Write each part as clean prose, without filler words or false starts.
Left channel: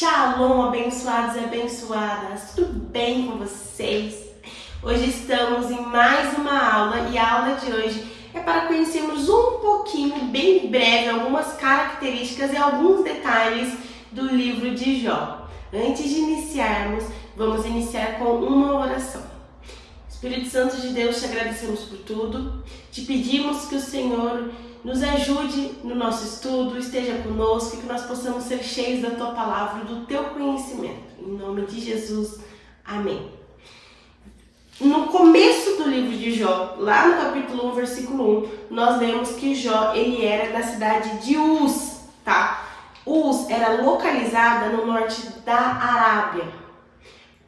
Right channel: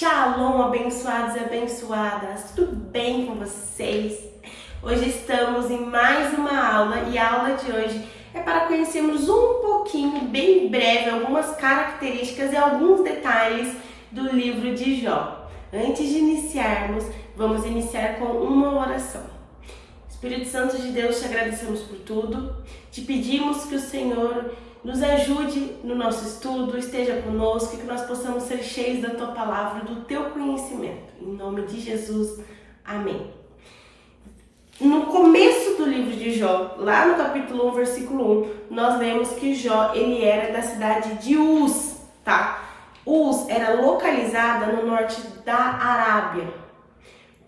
Shalom, abençoados e abençoadas, tudo bem com vocês? Hoje estamos em mais uma aula e a aula de hoje é para conhecermos um pouquinho, bem breve, algumas características e alguns detalhes do livro de Jó. Antes de iniciarmos, vamos iniciar com uma oração. Espírito Santo de Deus, te agradecemos por tudo, te pedimos que o Senhor nos ajude no nosso estudo, esteja conosco e que nós possamos ser cheios da Tua Palavra, do Teu conhecimento. Em nome de Jesus, amém. No começo do livro de Jó, lá no capítulo 1, versículo 1, nós lemos que Jó, ele era da cidade de Uz, tá? Uz era localizada no norte da Arábia,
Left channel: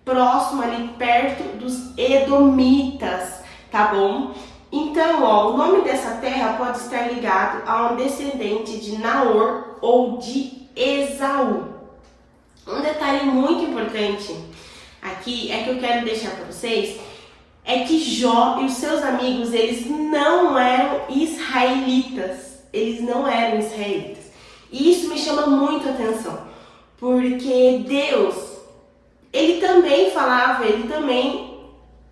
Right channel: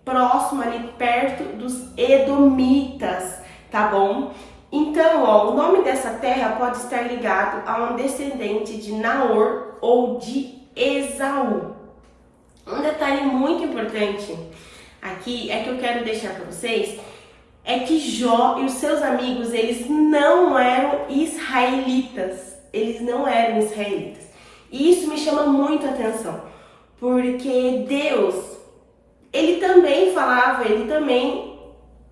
próximo ali perto dos Edomitas, tá bom? Então, o nome dessa terra pode estar ligado a um descendente de Naor ou de Esaú. Um detalhe muito importante aqui é que eu quero deixar para vocês é que Jó e os seus amigos, eles não eram israelitas. Eles não eram israelitas. E isso me chama muito a atenção, porque Deus, ele também falava, ele também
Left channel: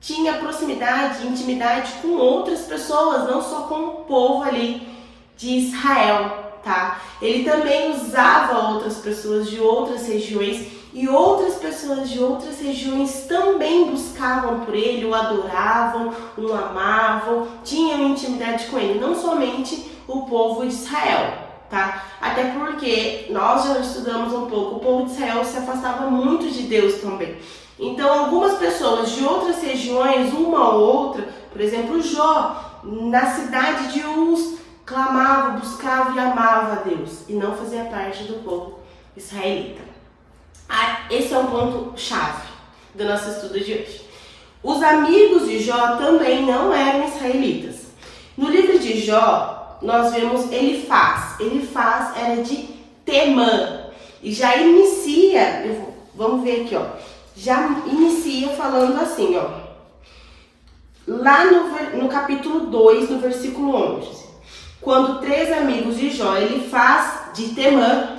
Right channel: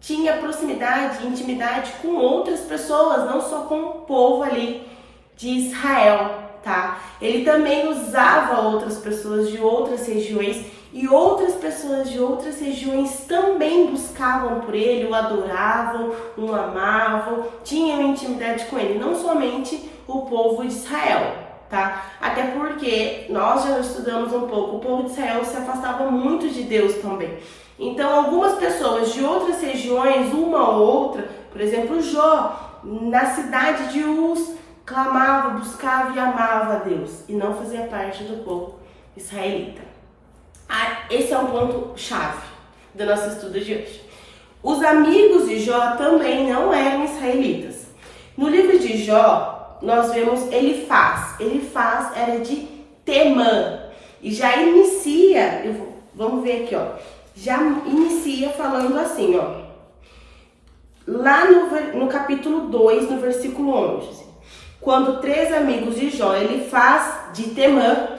tinha proximidade, intimidade com outras pessoas, não só com o povo ali de Israel, tá? Ele também usava outras pessoas de outras regiões e outras pessoas de outras regiões também buscavam por ele, o adoravam, o amavam, tinham intimidade com ele, não somente o povo de Israel, tá? Até porque nós já estudamos um pouco, o povo de Israel se afastava muito de Deus também. Então, algumas pessoas de outras regiões, uma ou outra, por exemplo, Jó, na cidade de Uz, clamava, buscava e amava a Deus e não fazia parte do povo israelita. Esse é um ponto-chave do nosso estudo de hoje. Os amigos de Jó também não eram israelitas. No livro de Jó, nós vemos Elifaz. Elifaz era de Temã e já inicia, vamos ver aqui, já inicia falando assim, lá no capítulo 2, no versículo 11, quando 3 amigos de Jó, Elifaz de Temã,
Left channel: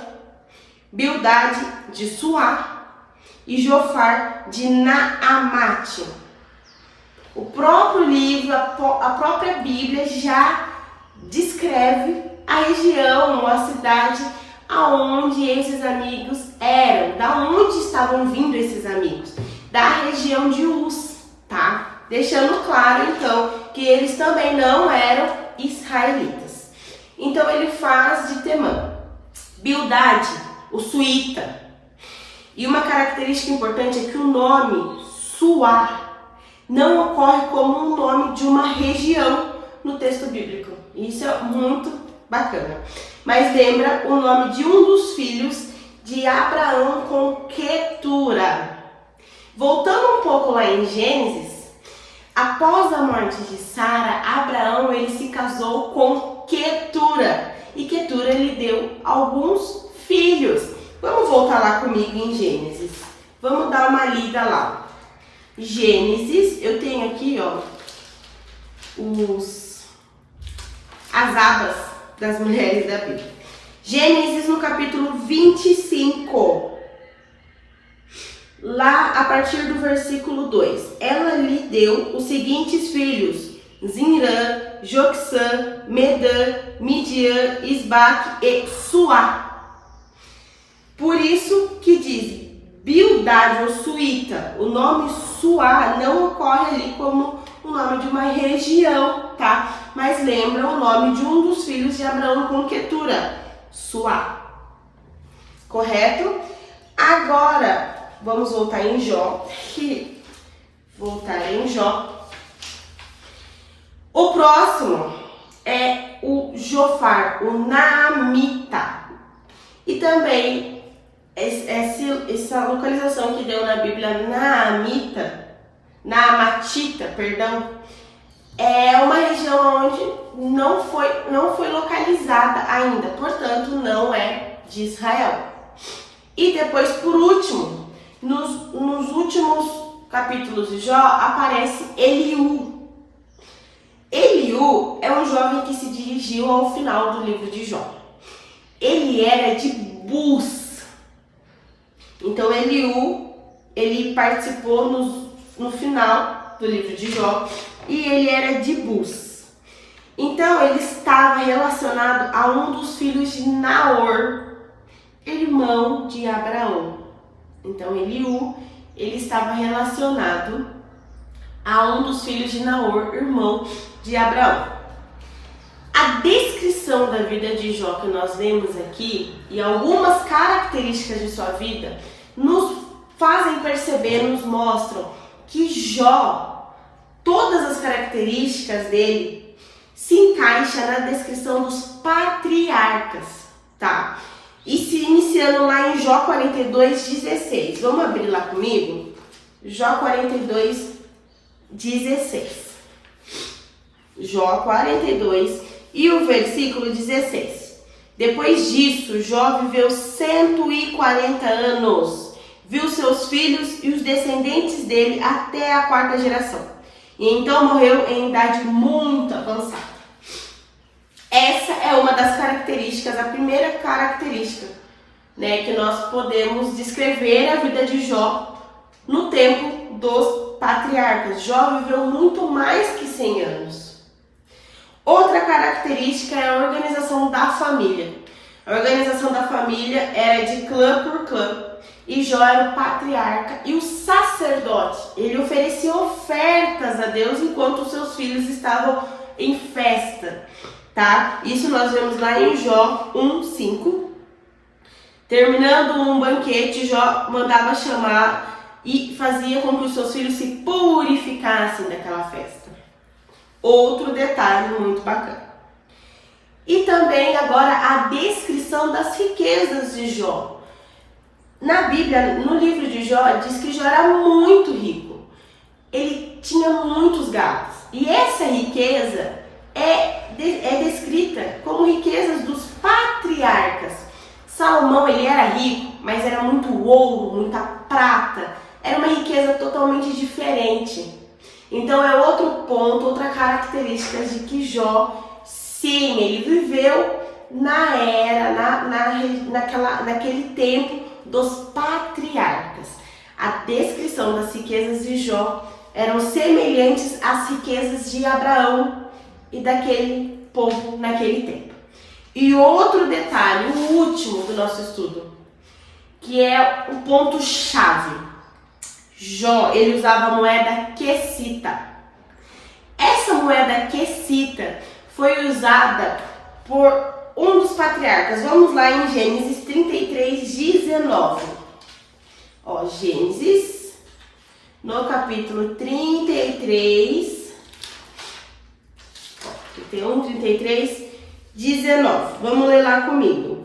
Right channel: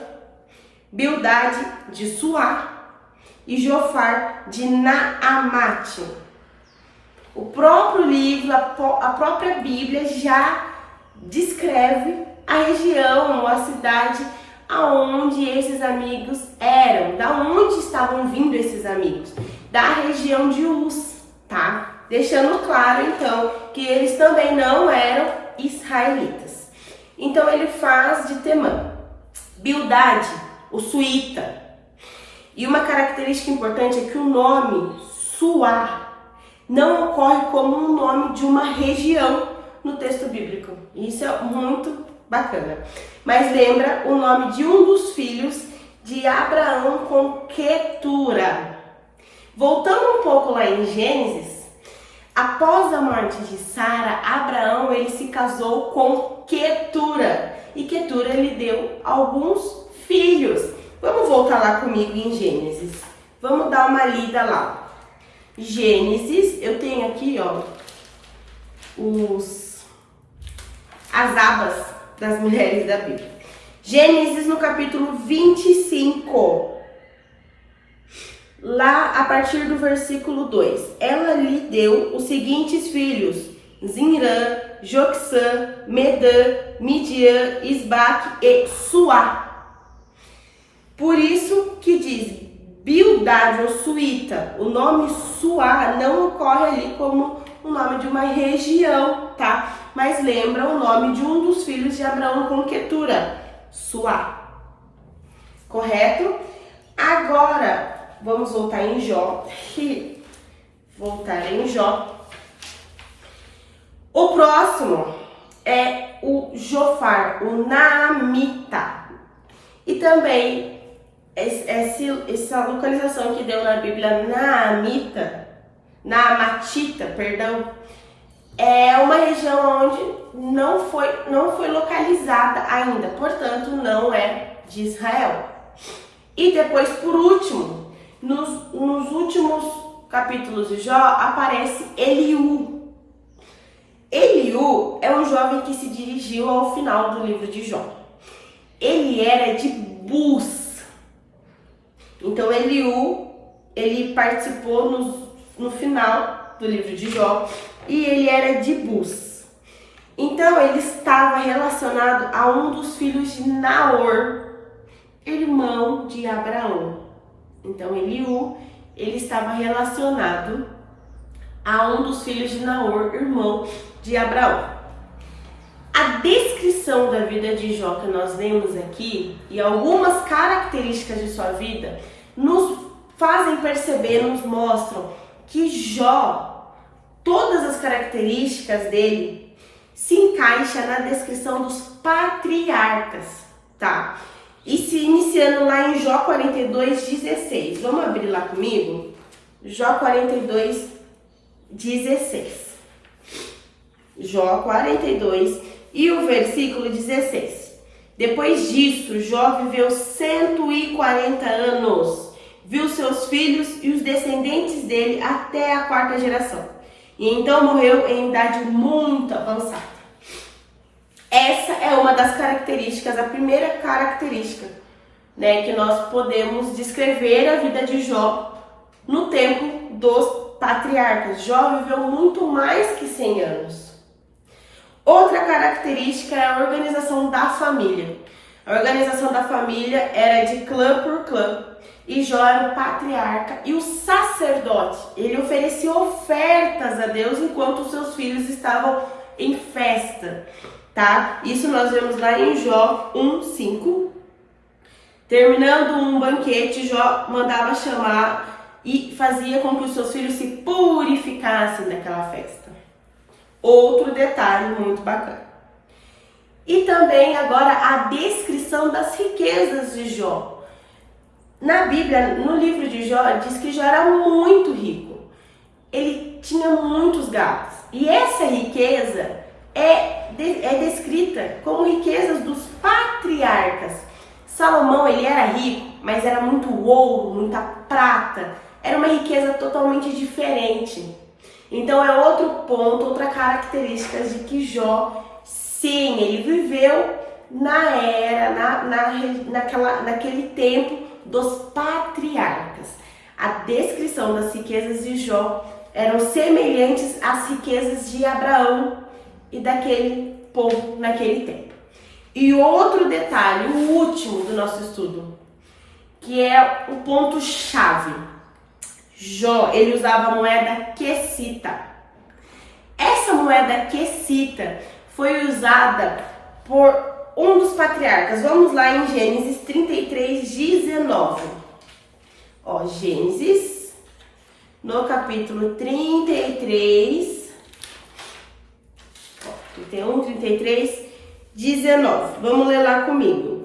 Bildade de Suá e Jofar de Naamate. O próprio livro, a própria Bíblia já descreve a região, a cidade aonde esses amigos eram, da onde estavam vindo esses amigos, da região de Uz, tá? Deixando claro, então, que eles também não eram israelitas. Então, ele faz de Temã, Bildade, o suíta. E uma característica importante é que o nome Suá não ocorre como um nome de uma região no texto bíblico. Isso é muito bacana. Mas lembra o nome de um dos filhos de Abraão com Quetura. Voltando um pouco lá em Gênesis, após a morte de Sara, Abraão ele se casou com Quetura. E Quetura ele deu alguns filhos. Vamos voltar lá comigo em Gênesis. Vamos dar uma lida lá. Gênesis, eu tenho aqui, as abas das mulheres da Bíblia. Gênesis no capítulo 25. Lá a partir do versículo 2. Ela lhe deu os seguintes filhos: Zinrã, Joksã, Medã, Midian, Isbaque e Suá. Por isso que diz Bildade ou suíta. O nome Suá não ocorre ali como o nome de uma região, tá? Mas lembra o nome de um dos filhos de Abraão com Quetura, Suá. Correto? Agora, vamos voltar em Jó. O próximo é o Jofar, o Naamita. E também essa localização que deu na Bíblia, Naamatita, é uma região onde não foi localizada ainda, portanto não é de Israel. E depois, por último, nos últimos capítulos de Jó, aparece Eliú. Eliú é um jovem que se dirigiu ao final do livro de Jó. Ele era de Bus. Então Eliú, ele participou no final do livro de Jó e ele era de Bus. Então ele estava relacionado a um dos filhos de Naor, irmão de Abraão. Então Eliú, ele estava relacionado a um dos filhos de Naor, irmão de Abraão. A descrição da vida de Jó que nós vemos aqui e algumas características de sua vida nos fazem perceber, nos mostram que Jó, todas as características dele se encaixa na descrição dos patriarcas, tá? E se iniciando lá em Jó 42:16. Vamos abrir lá comigo? Jó 42:16. Jó 42 e o versículo 16. Depois disso, Jó viveu 140 anos. Viu seus filhos e os descendentes dele até a 4ª geração. E então morreu em idade muito avançada. Essa é uma das características, a primeira característica, né, que nós podemos descrever a vida de Jó no tempo dos patriarcas. Jó viveu muito mais que 100 anos. Outra característica é a organização da família. A organização da família era de clã por clã. E Jó era o patriarca e o sacerdote. Ele oferecia ofertas a Deus enquanto os seus filhos estavam em festa, tá? Isso nós vemos lá em Jó 1:5. Terminando um banquete, Jó mandava chamar e fazia com que os seus filhos se purificassem daquela festa. Outro detalhe muito bacana. E também agora a descrição das riquezas de Jó. Na Bíblia, no livro de Jó, diz que Jó era muito rico. Ele tinha muitos gados. E essa riqueza é descrita como riquezas dos patriarcas. Salomão, ele era rico, mas era muito ouro, muita prata. Era uma riqueza totalmente diferente. Então é outro ponto, outra característica de que Jó, sim, ele viveu na era, naquele tempo dos patriarcas. A descrição das riquezas de Jó eram semelhantes às riquezas de Abraão e daquele povo naquele tempo. E outro detalhe, o último do nosso estudo, que é o ponto-chave. Jó, ele usava a moeda quesita. Essa moeda quesita foi usada por um dos patriarcas. Vamos lá em Gênesis 33:19. Ó, Gênesis, no capítulo 33, 19. Vamos ler lá comigo.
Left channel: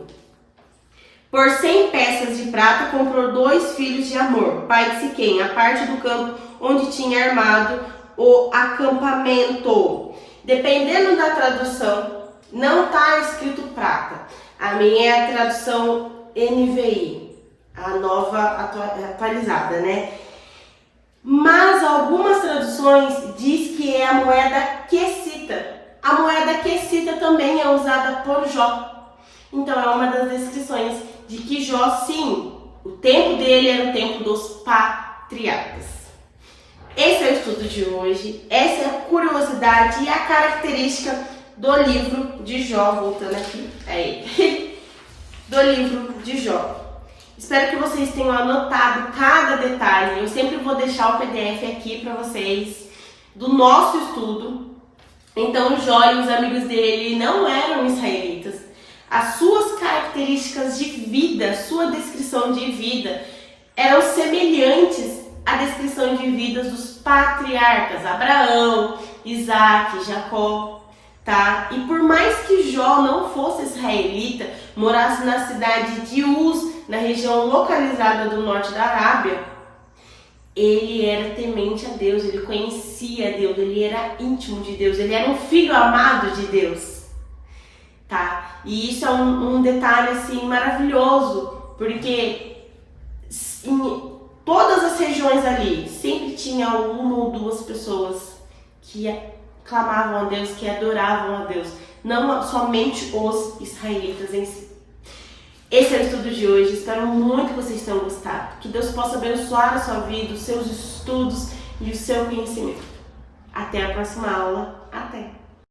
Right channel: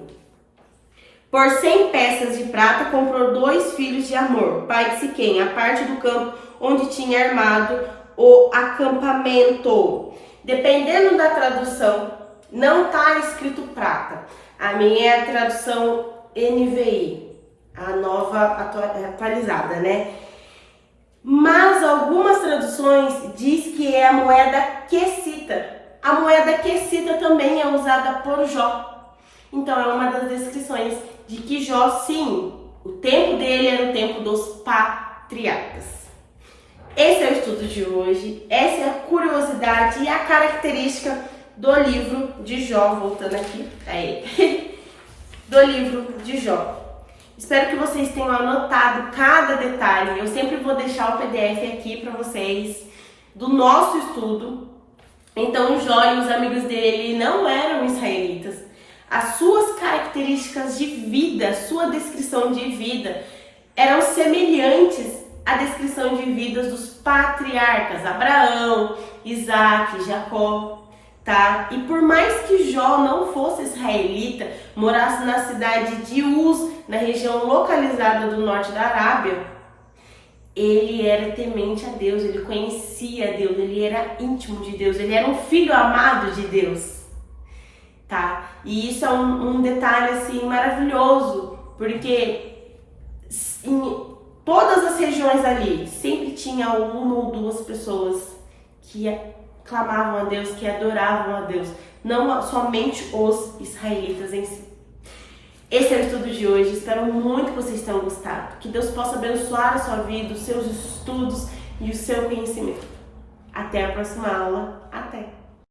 Por 100 peças de prata comprou 2 filhos de Amor, pai de Siquém, a parte do campo onde tinha armado o acampamento. Dependendo da tradução, não está escrito prata. A minha é a tradução NVI, a nova atualizada, né? Mas algumas traduções diz que é a moeda quesita. A moeda quesita também é usada por Jó. Então é uma das descrições de que Jó, sim, o tempo dele era o tempo dos patriarcas. Esse é o estudo de hoje, essa é a curiosidade e a característica do livro de Jó, voltando aqui, do livro de Jó. Espero que vocês tenham anotado cada detalhe. Eu sempre vou deixar o PDF aqui para vocês do nosso estudo. Então Jó e os amigos dele não eram israelitas. As suas características de vida, sua descrição de vida eram semelhantes à descrição de vidas dos patriarcas, Abraão, Isaac, Jacó, tá? E por mais que Jó não fosse israelita, morasse na cidade de Uz, na região localizada do norte da Arábia, ele era temente a Deus, ele conhecia Deus, ele era íntimo de Deus, ele era um filho amado de Deus, tá? E isso é um detalhe assim maravilhoso, porque em todas as regiões ali sempre tinha uma ou duas pessoas que clamavam a Deus, que adoravam a Deus, não somente os israelitas em si. Esse é o estudo de hoje, espero muito que vocês tenham gostado. Que Deus possa abençoar a sua vida, os seus estudos e o seu conhecimento. Até a próxima aula. Até!